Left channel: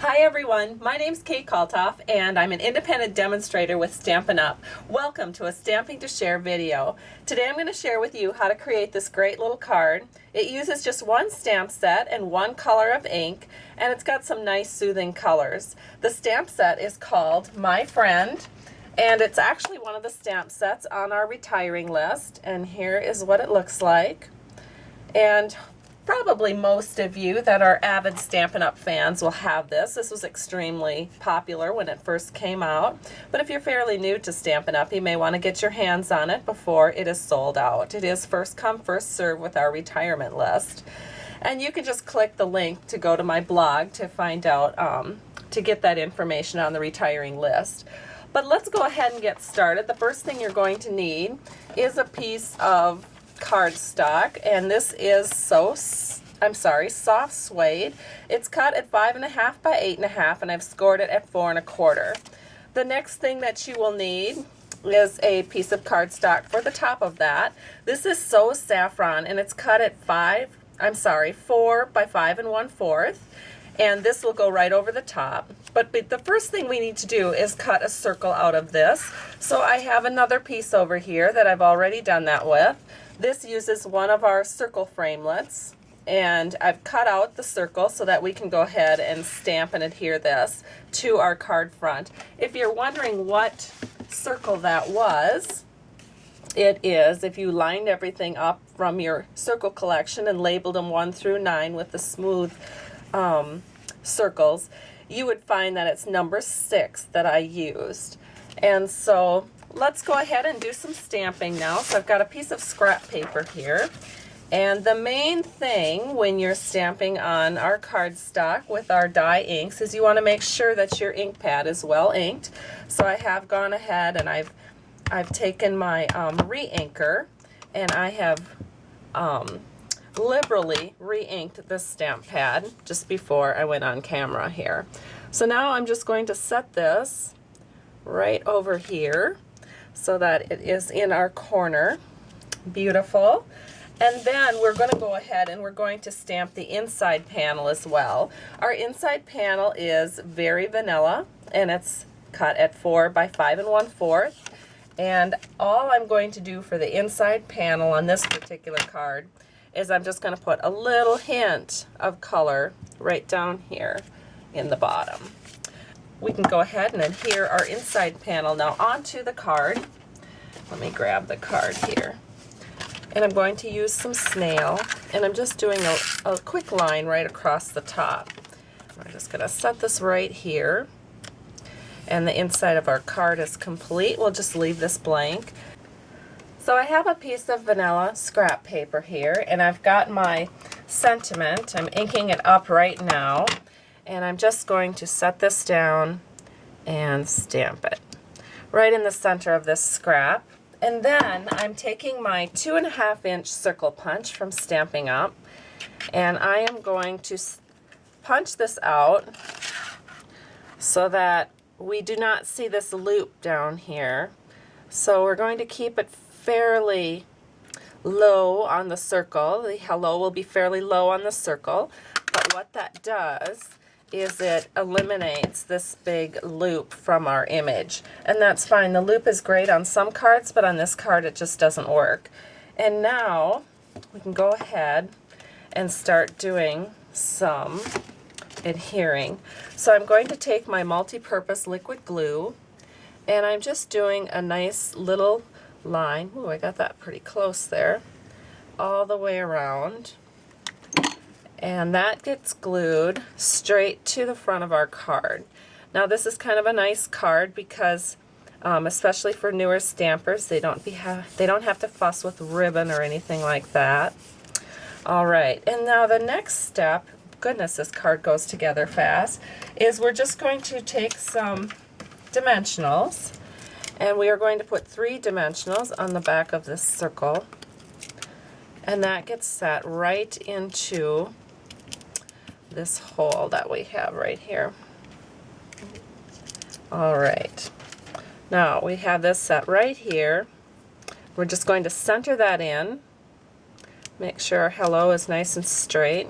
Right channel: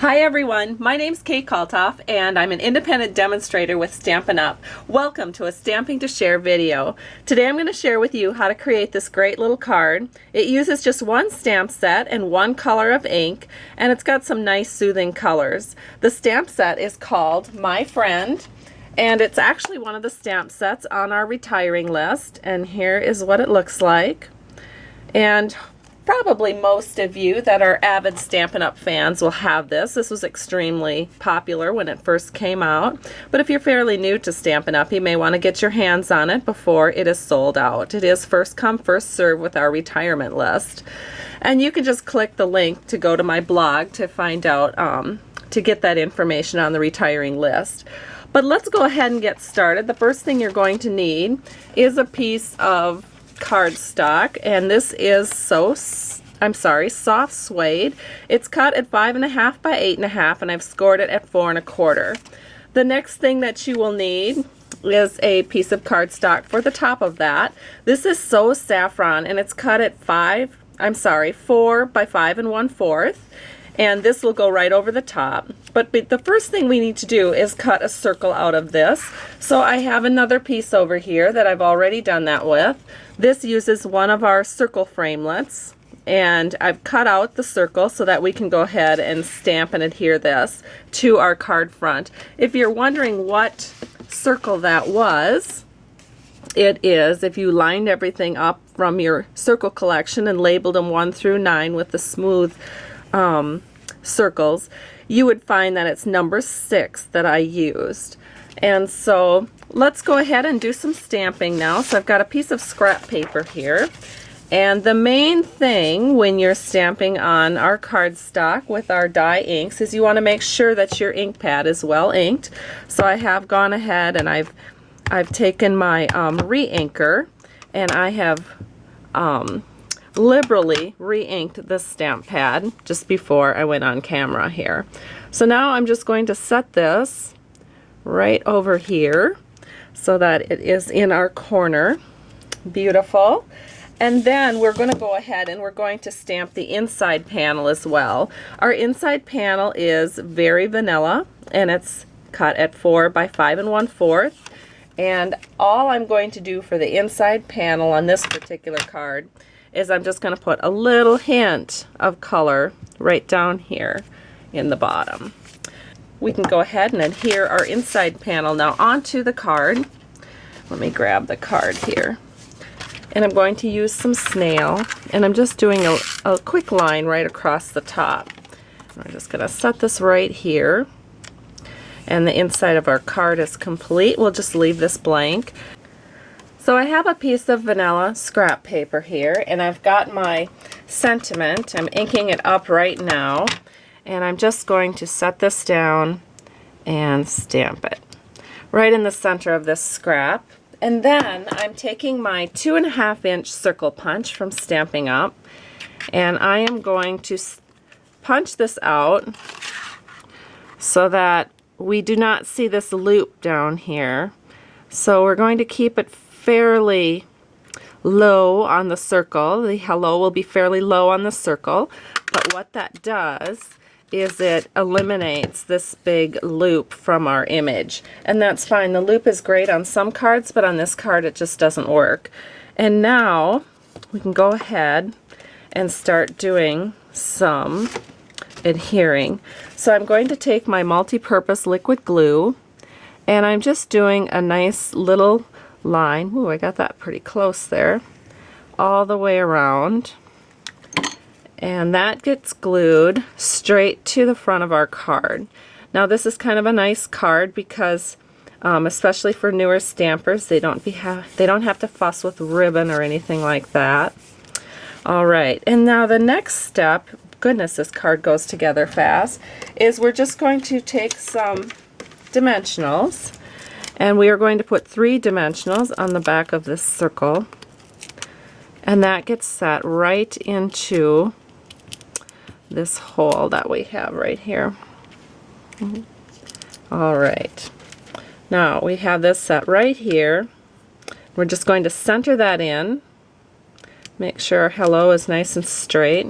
Hi everyone, my name's Kate Kalthoff and I'm an independent demonstrator with Stampin' Up. Welcome to a Stamping to Share video. Today I'm going to share with you how to create this great little card. It uses just one stamp set and one color of ink, and it's got some nice soothing colors. The stamp set is called My Friend, and it's actually one of the stamp sets on our retiring list, and here is what it looks like. And probably most of you that are avid Stampin' Up! Fans will have this. This was extremely popular when it first came out, but if you're fairly new to Stampin' Up! You may want to get your hands on it before it is sold out. It is first come, first serve with our retirement list. And you can just click the link to go to my blog to find out, to get that information on the retiring list. But let's go ahead and get started. The first thing you're going to need is a piece of cardstock, and this is soft suede. It's cut at 5.5 by 8.5, and I've scored it at 4.25. The next thing that you will need is a piece of cardstock for the top of that. This is So Saffron, and it's cut at 4 by 5 1/4, and this will go right over the top. But the first thing we need to do is cut a circle out of this. So I have another piece over here that I've already done that with. This uses one of our circle framelits, and I've cut out the circle so that we can go ahead and stamp and adhere this to our card front. If you're wondering what circle that was, it is, if you lined everything up from your circle collection and labeled them 1 through 9 with the smooth circles, you would find that it's number 6 that I used. And so let's go ahead and do some stamping now. So I've got a piece of scrap paper here, and the main thing when you're stamping on our cardstock with our dye inks is you want to make sure that your ink pad is well inked. So I have gone ahead and I've taken my re-inker, and I have liberally re-inked the stamp pad just before I went on camera here. So now I'm just going to set this right over here so that it is in our corner. Beautiful. And then we're going to go ahead and we're going to stamp the inside panel as well. Our inside panel is very vanilla, and it's cut at 4 by 5 1/4. And all I'm going to do for the inside panel on this particular card is I'm just going to put a little hint of color right down here in the bottom. We can go ahead and adhere our inside panel now onto the card. Let me grab the card here. And I'm going to use some snail, and I'm just doing a quick line right across the top. I'm just going to set this right here. And the inside of our card is complete. We'll just leave this blank. So I have a piece of vanilla scrap paper here, and I've got my sentiment. I'm inking it up right now, and I'm just going to set this down and stamp it right in the center of this scrap. And then I'm taking my 2.5-inch circle punch from Stampin' Up, and I am going to punch this out so that we do not see this loop down here. So we're going to keep it fairly low on the circle. The hello will be fairly low on the circle, but what that does is it eliminates this big loop from our image, and that's fine. The loop is great on some cards, but on this card it just doesn't work. And now we can go ahead and start doing some adhering. So I'm going to take my multi-purpose liquid glue, and I'm just doing a nice little line. Ooh, I got that pretty close there, all the way around. And that gets glued straight to the front of our card. Now this is kind of a nice card because especially for newer stampers, they don't have to fuss with ribbon or anything like that. Alright, and now the next step, goodness, this card goes together fast, is we're just going to take some dimensionals, and we are going to put 3 dimensionals on the back of this circle, and that gets set right into this hole that we have right here. Alright, now we have this set right here. We're just going to center that in, make sure our hello is nice and straight,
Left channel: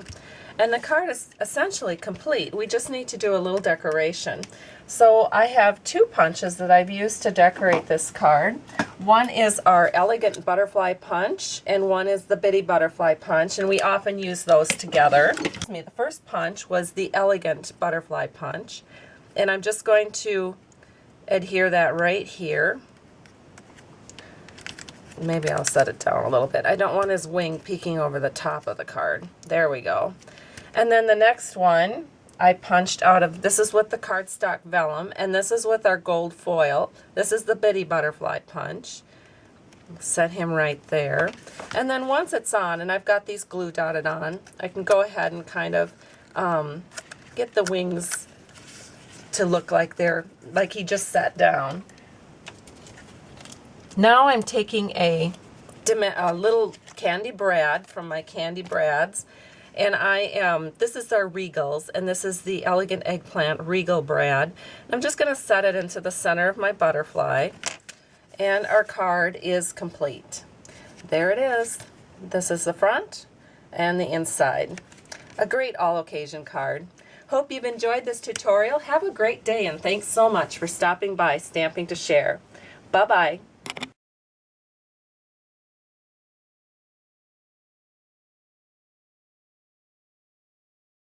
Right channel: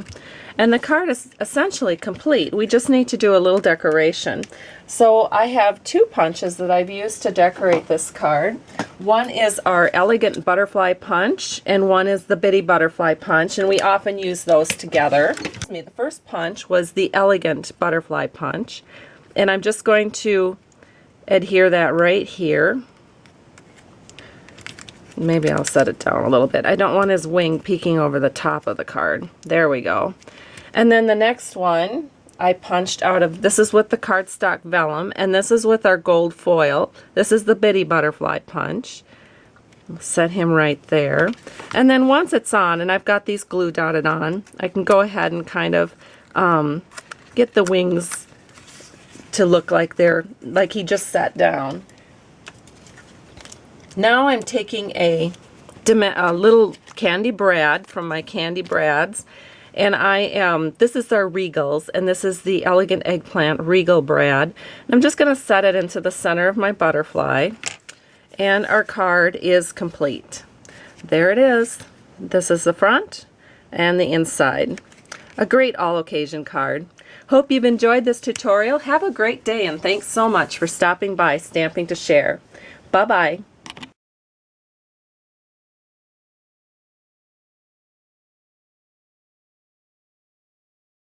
And the card is essentially complete. We just need to do a little decoration. So I have 2 punches that I've used to decorate this card. One is our elegant butterfly punch, and one is the bitty butterfly punch, and we often use those together. The first punch was the elegant butterfly punch, and I'm just going to adhere that right here. Maybe I'll set it down a little bit. I don't want his wing peeking over the top of the card. There we go. And then the next one I punched out of, this is with the cardstock vellum, and this is with our gold foil. This is the bitty butterfly punch. Set him right there. And then once it's on, and I've got these glue dotted on, I can go ahead and kind of get the wings to look like like he just sat down. Now I'm taking a little candy brad from my Candy Brads, and this is our Regals, and this is the Elegant Eggplant Regal Brad. And I'm just going to set it into the center of my butterfly, and our card is complete. There it is. This is the front and the inside. A great all-occasion card. Hope you've enjoyed this tutorial. Have a great day, and thanks so much for stopping by Stamping to Share. Bye-bye.